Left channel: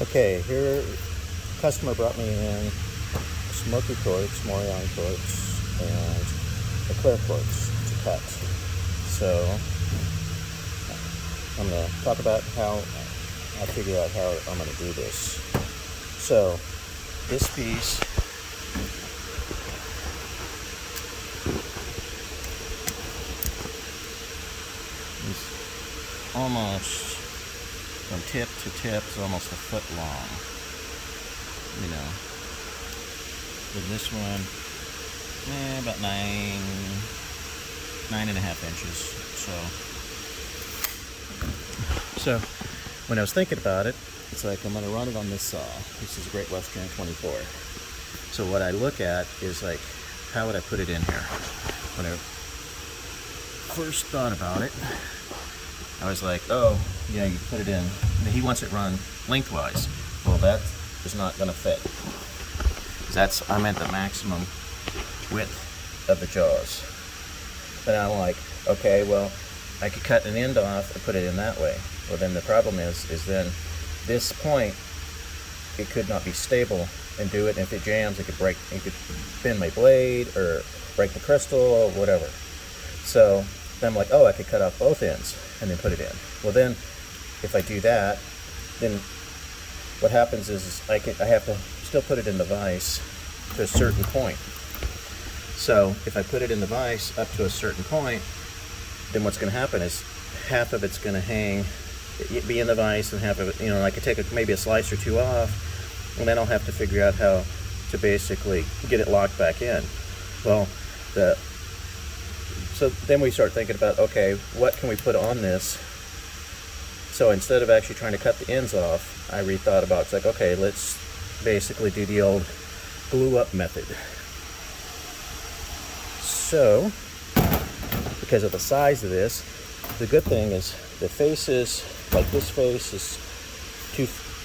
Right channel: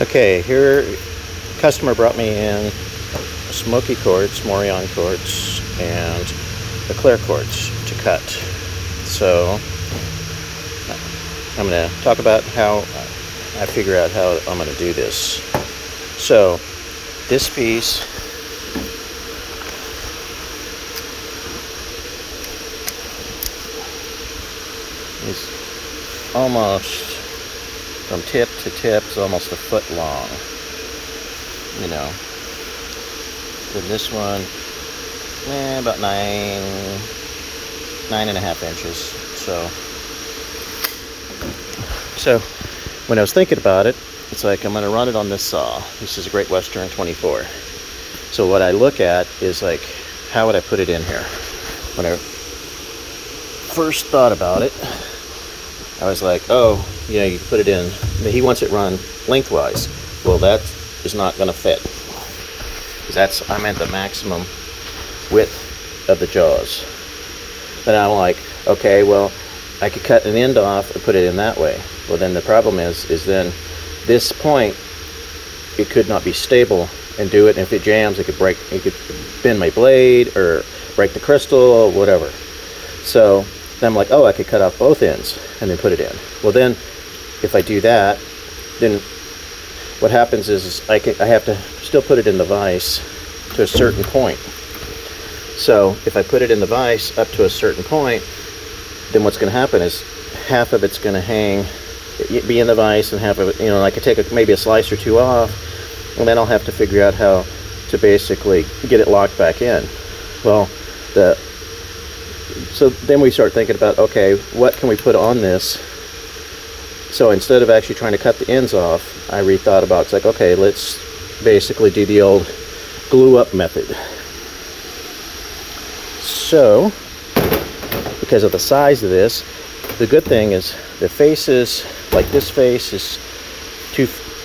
Okay, here, customer brought me in smoky quartz, Morion quartz, and the clear quartz to cut. So I'm going to talk about how I figure out how I'm going to do this. So this piece is almost from tip to tip, is almost a foot long, you know. Then this one, about 9.5 inches. So when I was thinking about it, it's like I'm going to run it on this saw. This is a Great Western 24. So what I look at is like, how would I put it in here? When I first thought about it, I was like, oh, you know, you put it in. He wants it run lengthwise. Well, that is not going to fit, because I'm at the maximum width of the jaws. Then I'm like, okay, well, I could cut an end off and put it in that way. Well, then the problem is then this point, it could not be stable and do it. And if it jams, it could break. It could bend my blade or break the crystal or whatever. So then I'm like, oh, I could cut off both ends and then put it in. Well, then if I do that, then what happens is I have to still put it in the vise to a certain point. So if I put it in the vise up to a certain point, then what's going to happen is half of it's going to be in the vise, and half of it, you know, I could take maybe a slice or two off, and then I'll have to figure out how to basically get it locked back in. Well, so then we start thinking about, okay, what can we put on this? So instead of actually trying to cut the ends off, I rethought about, it's like, okay, let's basically do the old glue up method. So because of the size of this, the good thing is the faces, like this face is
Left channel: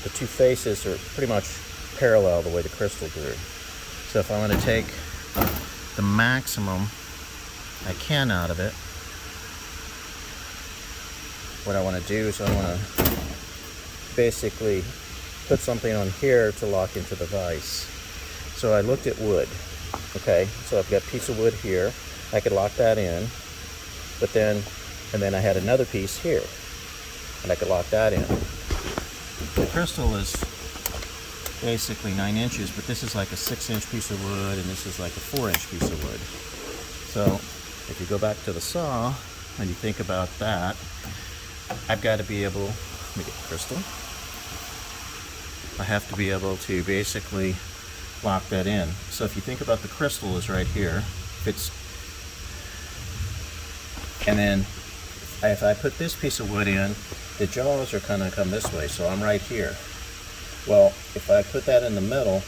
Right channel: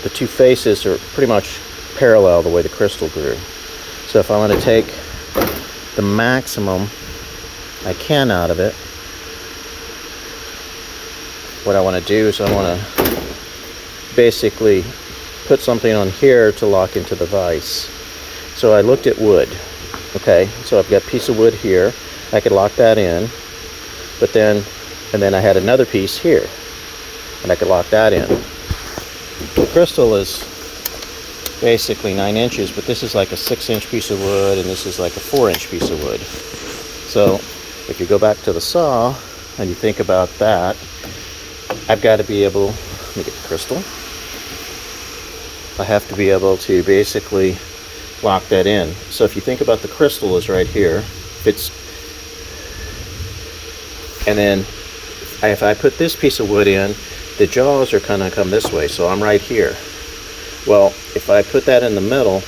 the two faces are pretty much parallel the way the crystal grew. So if I want to take the maximum I can out of it, what I want to do is I want to basically put something on here to lock into the vise. So I looked at wood. Okay, so I've got a piece of wood here. I could lock that in, but then I had another piece here, and I could lock that in. The crystal is basically 9 inches, but this is like a 6-inch piece of wood, and this is like a 4-inch piece of wood. So if you go back to the saw and you think about that, I've got to be able, let me get the crystal. I have to be able to basically lock that in. So if you think about the crystal is right here, and then if I put this piece of wood in, the jaws are kind of come this way, so I'm right here. Well, if I put that in the middle,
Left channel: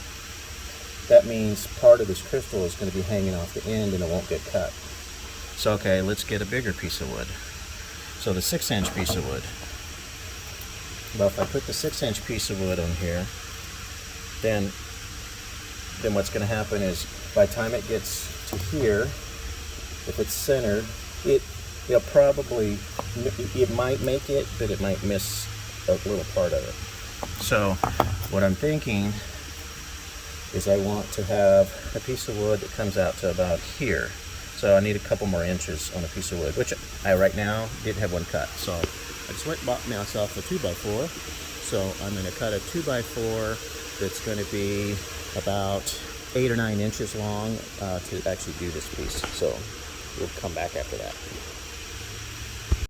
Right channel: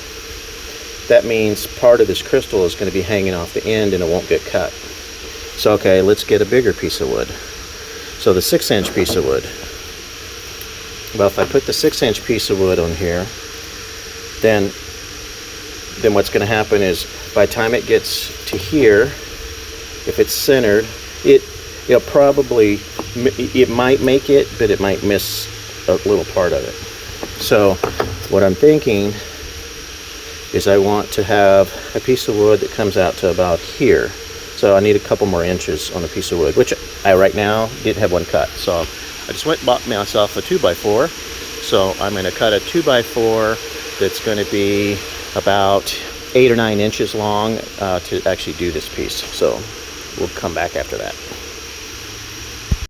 that means part of this crystal is going to be hanging off the end and it won't get cut. So okay, let's get a bigger piece of wood. So the 6-inch piece of wood. Well, if I put the 6-inch piece of wood on here, then what's going to happen is by the time it gets to here, if it's centered, it might make it, but it might miss a little part of it. So what I'm thinking is I want to have a piece of wood that comes out to about here. So I need a couple more inches on a piece of wood, which I right now didn't have one cut. So I just went and bought myself a 2x4. So I'm going to cut a 2x4 that's going to be about 8 or 9 inches long to actually do this piece. So we'll come back after that.